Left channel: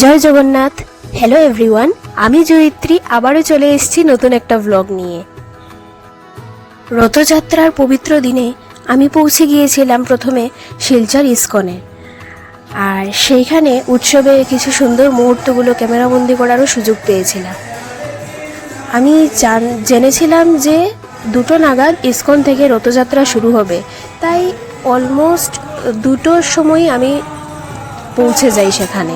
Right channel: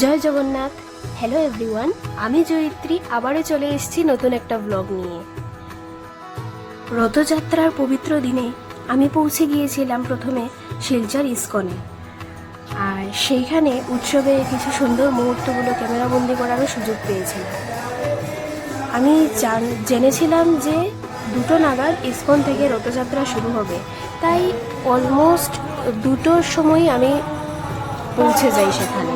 জয় Jagannath. Hello everyone, আমি জয়িত্রী আবারও চলে এসেছি নতুন একটা ব্লগ নিয়ে। রথযাত্রার পবিত্র দিনে আমি পৌঁছে গিয়েছিলাম প্রথমে শিলচর ইস্কনে, আর সেইখানে উৎসবে কিছু সুন্দর মুহূর্তগুলো ক্যামেরাবন্দি করারও সুযোগ পেয়েছিলাম। আমি জেনেছিলাম যে 2টো নাগাদ ইস্কন থেকে রথযাত্রা শুরু হবে, তাই অলমোস্ট 2টোর সময় আমি পৌঁছে যাই সেখানে।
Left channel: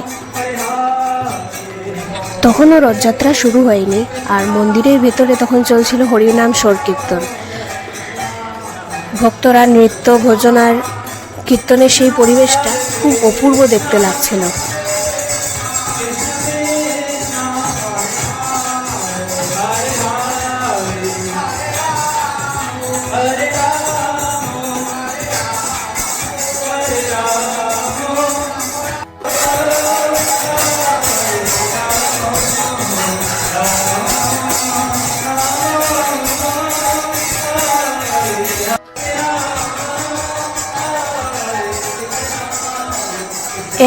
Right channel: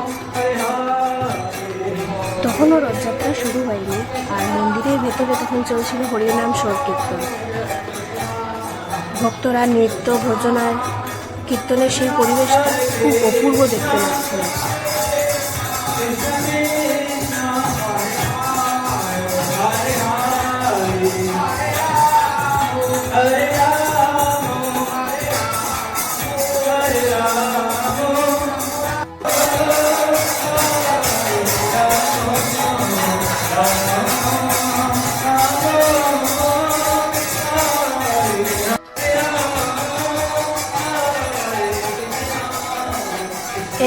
তখনও রথযাত্রা শুরু হয়নি, আর মন্দিরের ভেতরে তখন চলছিল হরিনাম সংকীর্তন। ভক্তরা নৃত্য ভজনার কীর্তনের সেই পরিবেশটা খুব অপূর্ব দেখতে লাগছিল।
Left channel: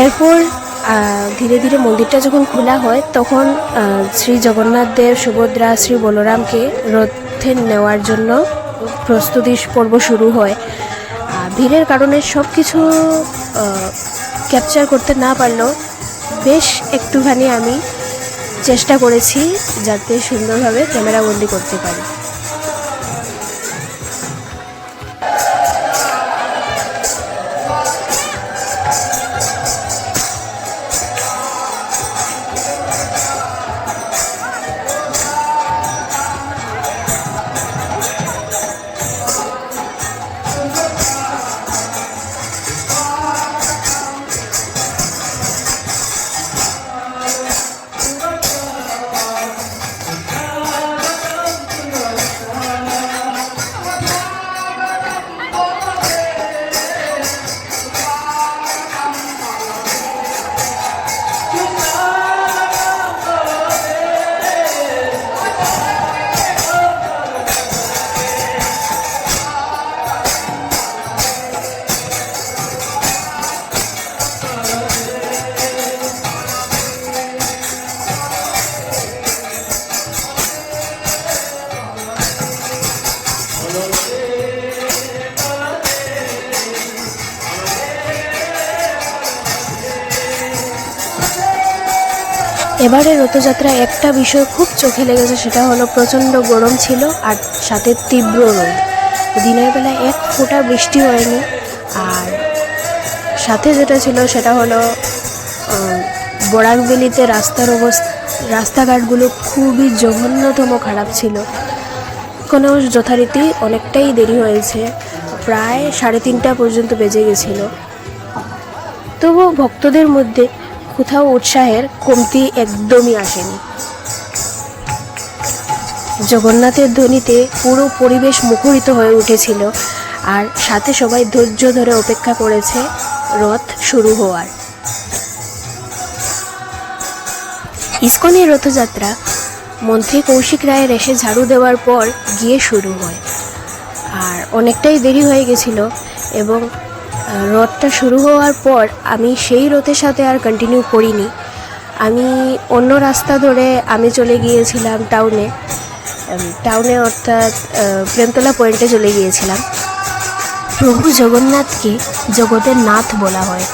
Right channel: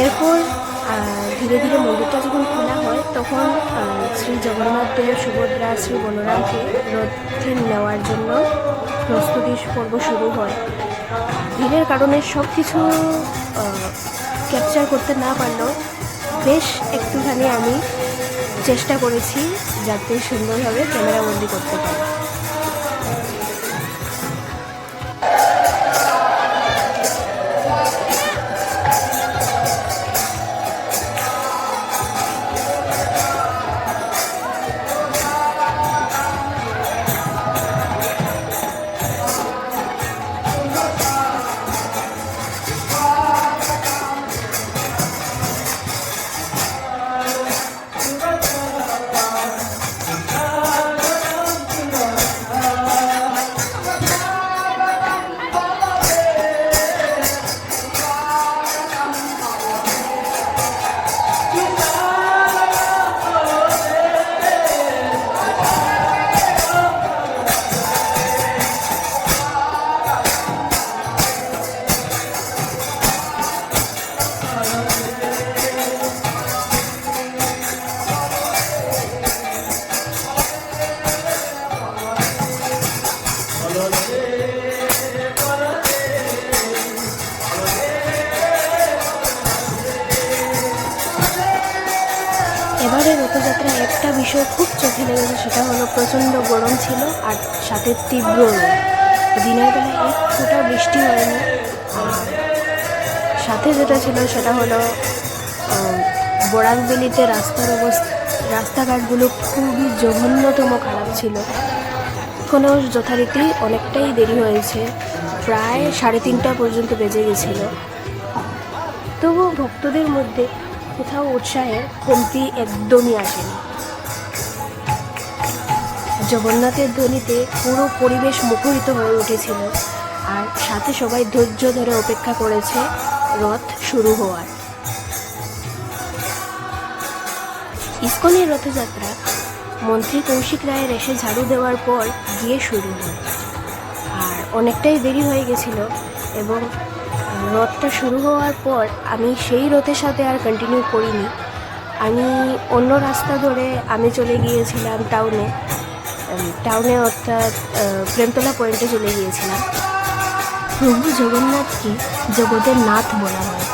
এরপর ধীরে ধীরে মন্দিরটা যখন খোলা হয়, তখন শ্রী জগন্নাথ দেব, সুভদ্রা, শ্রী বলরামকে রথে নেওয়ার জন্য প্রস্তুতি পর্ব শুরু হয়। ভিড়ের কারণে সব কিছু ক্যাপচার করতে না পারলেও বেশ একটুখানি আমি চেষ্টা করেছি যাতে সুন্দরভাবে ক্যামেরাবন্দি করতে পারি। এবারে রথযাত্রা একটা বিষয় খুব চোখে লেগেছে, সেটা হলো প্রচণ্ড গরম ছিল আর সাথে তীব্র রোদ। দিনের বেলা এক ফোঁটা বৃষ্টি হয়নি। আর সাথে যেটা ছিল সেটা হলো বরাকবেলিতে রাস্তাঘাটগুলো খুবই জঘন্যতম খারাপ ছিল। কোনো যথারীতি অনেকটাই দেরি হয়েছে, প্রায় 3:30 পর্যন্ত বেজে গেছিল। তবু ভক্তদের মধ্যে কোথাও উৎসাহের কমতি একদমই আসেনি। জগন্নাথের ধ্বনিতে পুরো পরিবেশ মুখরিত হয়ে উঠেছিল, আর সাথে সবাই ধৈর্য ধরে অপেক্ষা করেছে রথ শুরু হওয়ার। ইস্কনের রথযাত্রা মন্ত্রী কৌশিক রায়ের এসে ঝাড়ু দেওয়ার পর গিয়ে শুরু হয়, আর অনেকটাই দেরি হয়ে গেছিল। এবং রথটা শুরু হওয়ার পর আমি সেই রথের সাথে আর কন্টিনিউ করিনি। আমি অন্য রাস্তা ধরে আমি চলে গিয়েছিলাম টাউনে অর্থাৎ প্রেমতলা পয়েন্টে চলে গিয়েছিলাম। প্রভু জগন্নাথকে জগতের নাথ বলা হয়,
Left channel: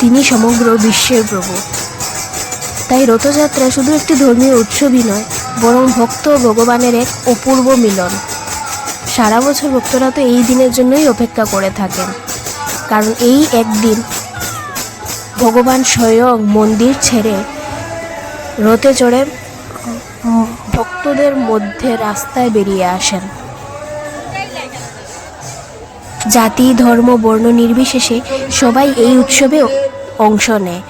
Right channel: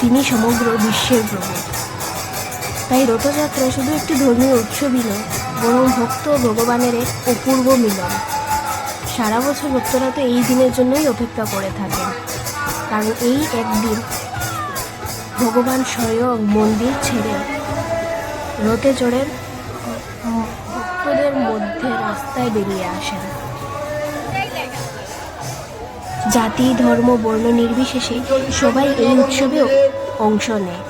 তিনি সমগ্র বিশ্বের প্রভু। তাই রথযাত্রা শুধু একটি ধর্মীয় উৎসবই নয়, বরং ভক্ত ভগবানের এক অপূর্ব মিলন। সারা বছর ভক্তরা তো এই দিনের জন্যই অপেক্ষা করে থাকেন, কারণ এই একদিন ভগবান স্বয়ং মন্দির ছেড়ে রথে চড়ে ভক্তদের মধ্যে রাস্তায় বেরিয়ে আসেন। জাতি, ধর্ম, বর্ণ নির্বিশেষে সবাই এই উৎসবে অংশ নেয়।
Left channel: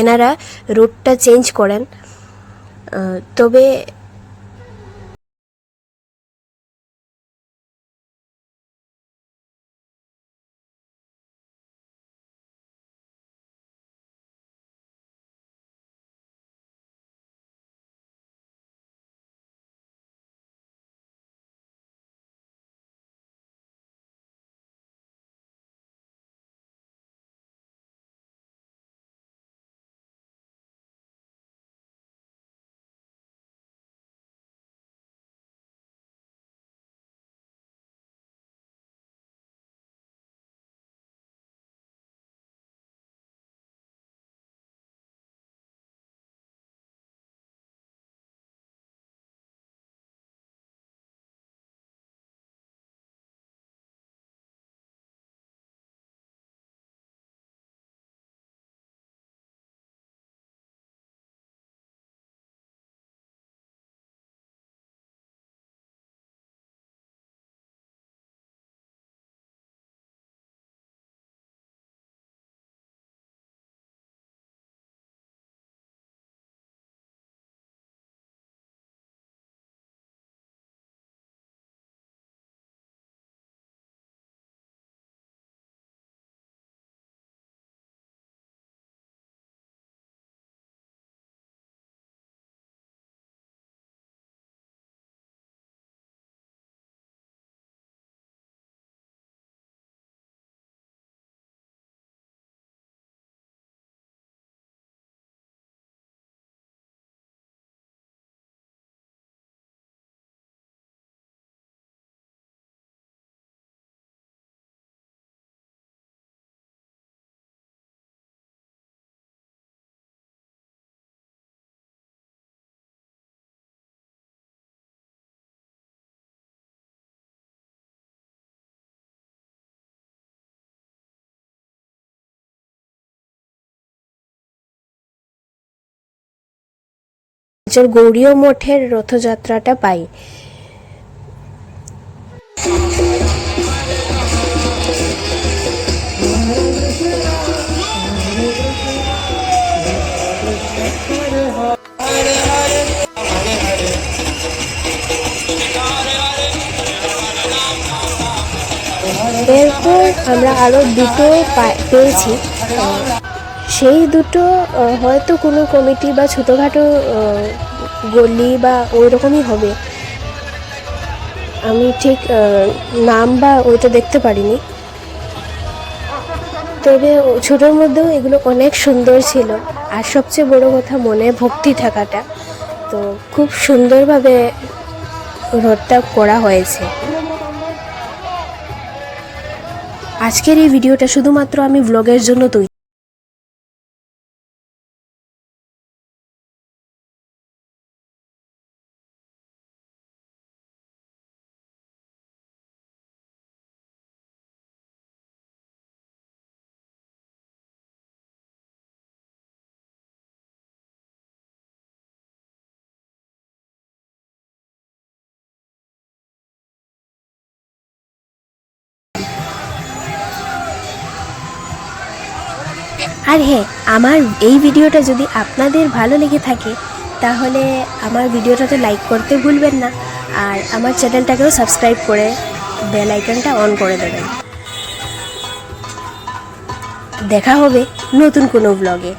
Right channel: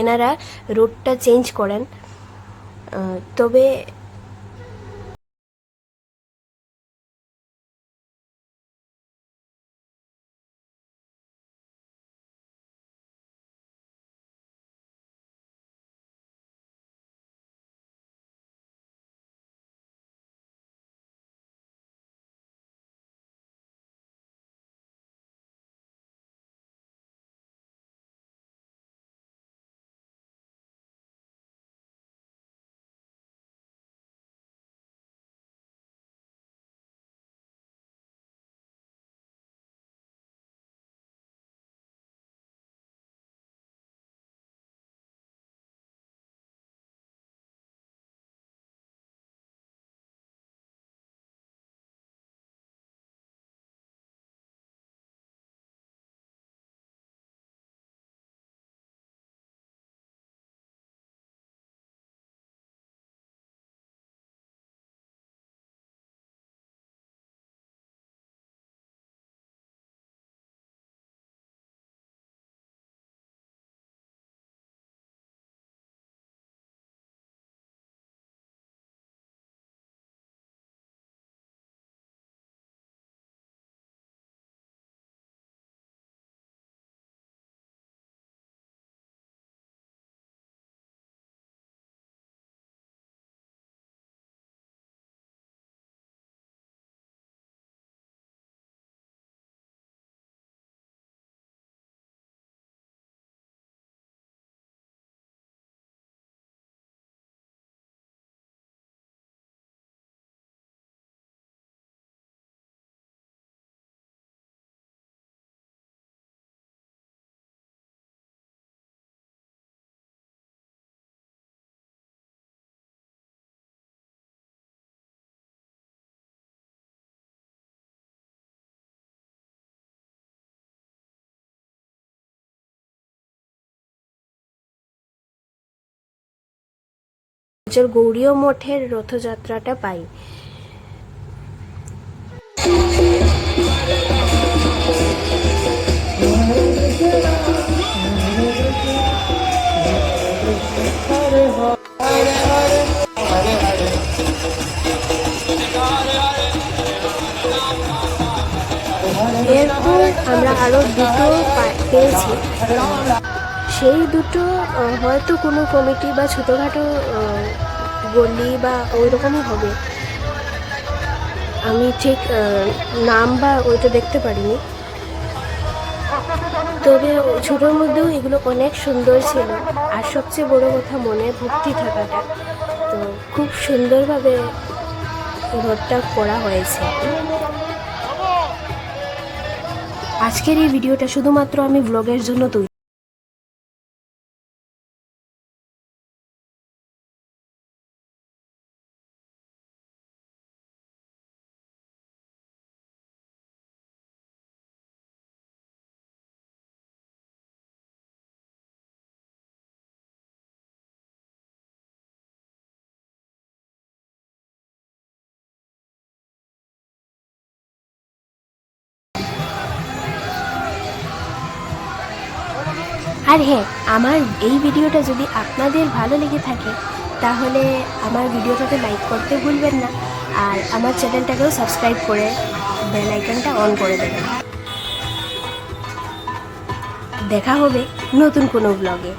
এনারা রুটটা চেঞ্জ করেন। তবে গৌরীয় মঠের রথযাত্রাটা পাই। এরপর আমরা আরও দুটো পেয়েছি। সেই দুটো হয়তো কোনো কমিটি বা ছোটোখাটো গলি বা ওই রকমই হবে, আমি ঠিক নাম বা ওইটা দেখতে পারিনি। তবে ছোটোর মধ্যেও এগুলো অনেক সুন্দর ছিল। আর সবচেয়ে বড় কথা মনে ভক্তি থাকাটা, তো খুব সুন্দরভাবে রথটা করা হয়েছে। আজকের এই ভিডিওটা শুধুমাত্র আমি ব্লগের জন্য তৈরি। আর হ্যাঁ, আমার এই ভিডিওটা যদি আপনাদের ভালো লেগে থাকে তাহলে আমার ভিডিওটাতে লাইক করতে ভুলবেন না, আর আমার চ্যানেলটাকেও সাবস্ক্রাইব করে বেল আইকনটা অন করে দেবেন। দেখা হবে নতুন কোনো ব্লগে।